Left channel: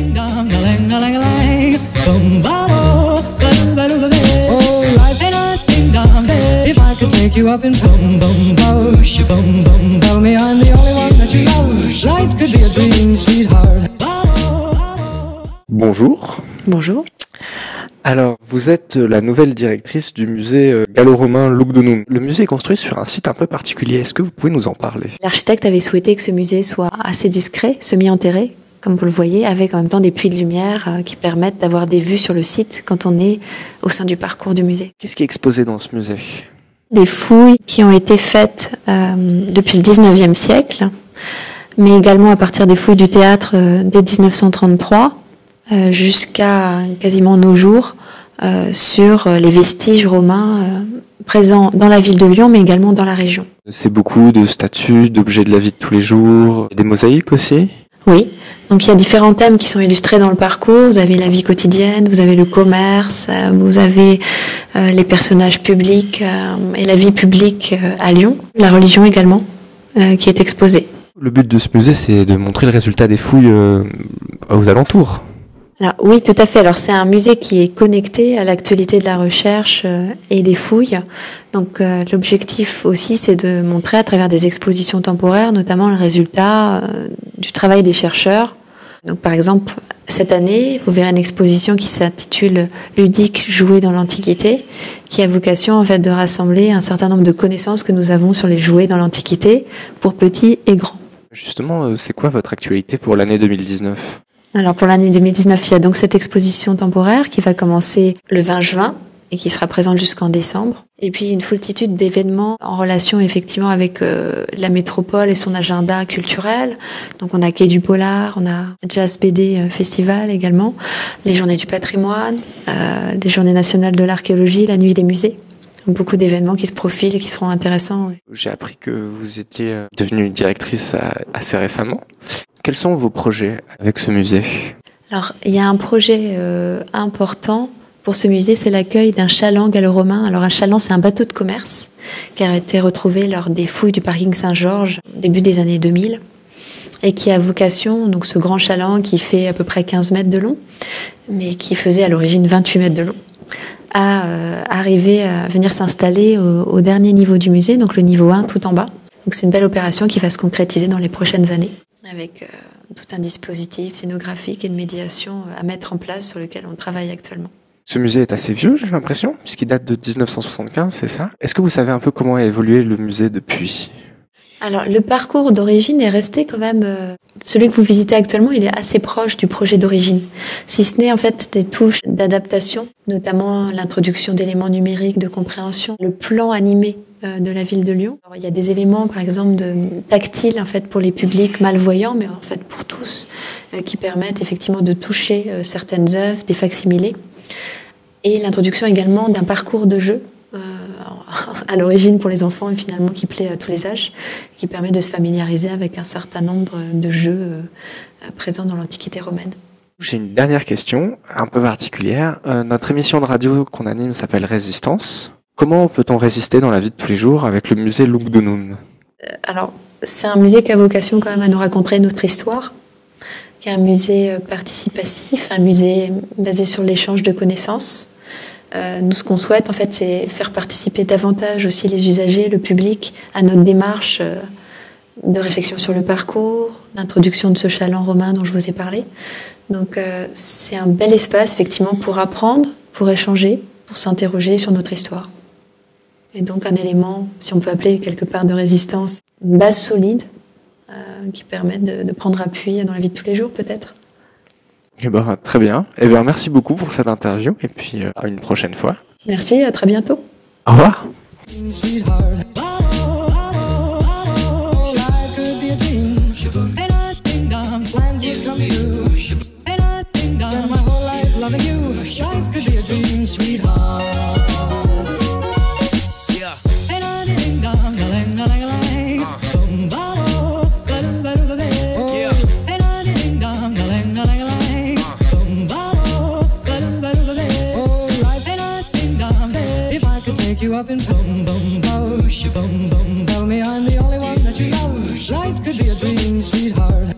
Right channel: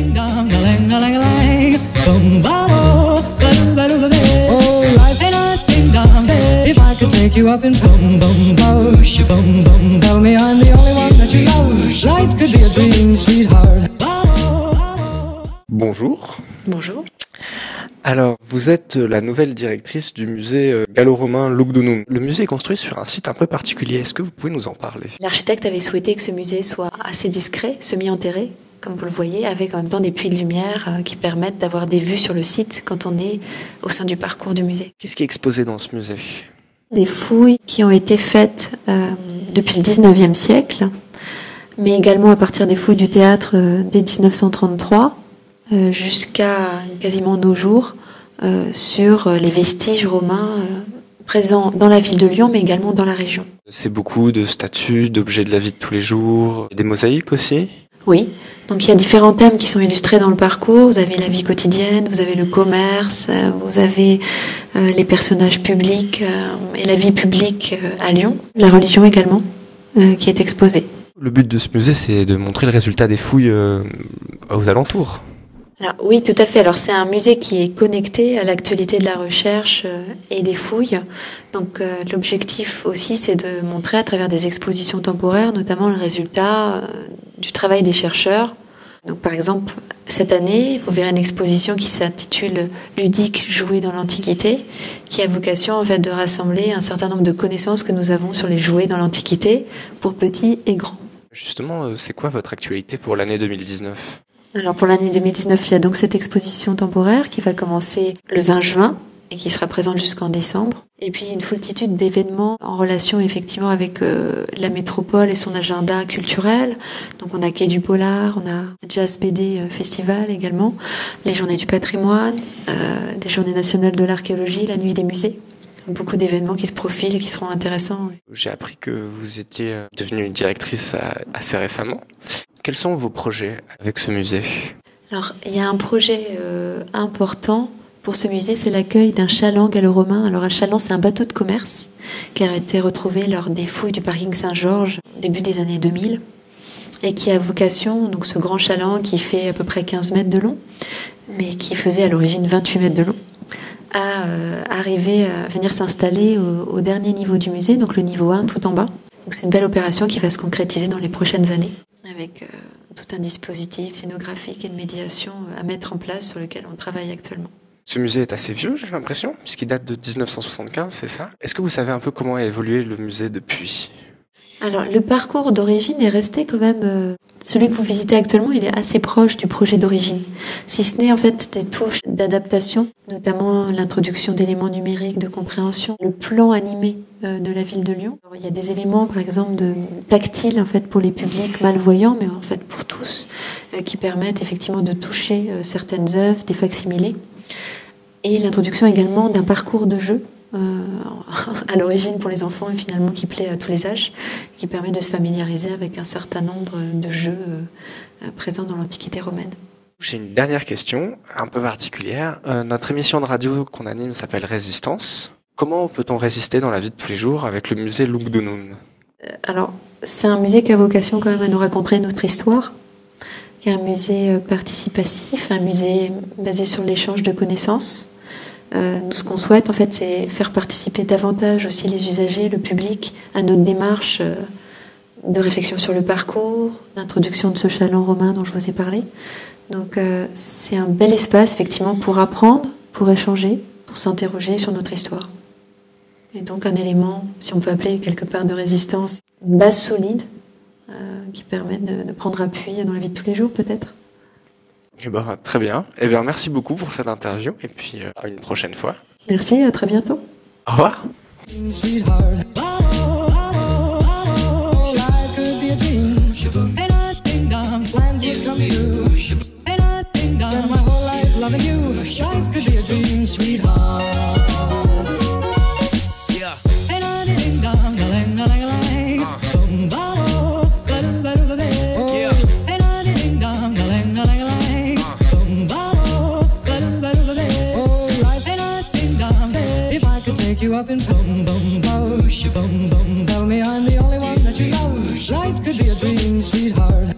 Oh, life ain't a ding dong. If I could take you up in boom boom boom, boom boom, tell me I'm the only one that you love. Life could be a dream, sweetheart. Bonjour. Bonjour. Alors, vous êtes la nouvelle directrice du musée gallo-romain Lugdunum. Le musée est construit sur un site un peu particulier. Est-ce que vous pouvez nous en parler? L'architecte avait souhaité que ce musée soit assez discret, semi-enterré, comme vous le voyez, avec en même temps des puits de lumière qui permettent d'avoir des vues sur le site quand on est au sein du parcours du musée. Qu'est-ce qui est exposé dans ce musée? Des fouilles qui ont été faites depuis le 19e siècle, mais également à partir des fouilles du théâtre dès 1933, jusqu'à quasiment nos jours, sur les vestiges romains présents dans la ville de Lyon, mais également dans la région. C'est beaucoup de statues, d'objets de la vie de tous les jours, des mosaïques aussi? Oui, donc il y a différents thèmes qui sont illustrés dans le parcours. Vous avez la vie quotidienne, vous avez le commerce, vous avez les personnages publics et la vie publique à Lyon, la religion également qui est exposée. Le but de ce musée, c'est de montrer le résultat des fouilles aux alentours. Alors, oui, tout à fait. Alors, c'est un musée qui est connecté à l'actualité de la recherche et des fouilles. Donc, l'objectif aussi, c'est de montrer à travers des expositions temporaires, notamment le résultat du travail des chercheurs. Donc, par exemple, cette année, vous verrez une exposition qui s'intitule Ludique, jouets dans l'Antiquité, qui a vocation, en fait, de rassembler un certain nombre de connaissances que nous avons sur les jouets dans l'Antiquité, pour petits et grands. Justement, c'est quoi votre actualité pour l'année 2019? Alors pour l'année 2019, il y a donc cette exposition temporaire qui va commencer le 20 juin et qui sera présente jusqu'en décembre. Et puis une foultitude d'événements en relation effectivement avec la métropole et son agenda culturel. Donc on a Quai du Polar, on a Jazz BD Festival également, les Journées du patrimoine, les Journées nationales de l'archéologie, la Nuit des musées. Beaucoup d'événements qui se profilent et qui seront intéressants. J'ai appris que vous étiez devenue directrice assez récemment. Quels sont vos projets avec ce musée? Alors, il y a un projet important pour ce musée, c'est l'accueil d'un chaland gallo-romain. Alors, un chaland, c'est un bateau de commerce qui a été retrouvé lors des fouilles du parking Saint-Georges, début des années 2000, et qui a vocation, donc ce grand chaland qui fait à peu près 15 mètres de long, mais qui faisait à l'origine 28 mètres de long, à arriver à venir s'installer au dernier niveau du musée, donc le niveau 1, tout en bas. Donc c'est une belle opération qui va se concrétiser dans les prochaines années, avec tout un dispositif scénographique et de médiation à mettre en place sur lequel on travaille actuellement. Ce musée est assez vieux, j'ai l'impression, puisqu'il date de 1975, c'est ça? Est-ce que vous savez un peu comment a évolué le musée depuis? Alors, le parcours d'origine est resté quand même... celui que vous visitez actuellement, il est assez proche du projet d'origine. Si ce n'est en fait des touches d'adaptation, notamment l'introduction d'éléments numériques de compréhension, le plan animé de la ville de Lyon. Alors, il y a des éléments, par exemple, tactiles en fait pour les publics malvoyants, mais en fait pour tous, qui permettent effectivement de toucher certaines œuvres, des facsimilés. Et l'introduction également d'un parcours de jeu à l'origine pour les enfants et finalement qui plaît à tous les âges, qui permet de se familiariser avec un certain nombre de jeux présents dans l'Antiquité romaine. J'ai une dernière question, un peu particulière. Notre émission de radio qu'on anime s'appelle Résistance. Comment peut-on résister dans la vie de tous les jours avec le musée Lugdunum? Alors, c'est un musée qui a vocation quand même à nous raconter notre histoire, qui est un musée participatif, un musée basé sur l'échange de connaissances. Nous, ce qu'on souhaite, en fait, c'est faire participer davantage aussi les usagers, le public, à notre démarche de réflexion sur le parcours, d'introduction de ce chaland romain dont je vous ai parlé. Donc, c'est un bel espace, effectivement, pour apprendre, pour échanger, pour s'interroger sur notre histoire. Et donc, un élément, si on peut appeler quelque part de résistance, une base solide qui permet de prendre appui dans la vie de tous les jours, peut-être. Eh ben, très bien. Eh bien, merci beaucoup pour cette interview et puis à une prochaine fois. Merci, à très bientôt. Au revoir. You up in boom boom boom, boom boom. Tell me I'm the only one that you love. Life could be a dream, sweetheart.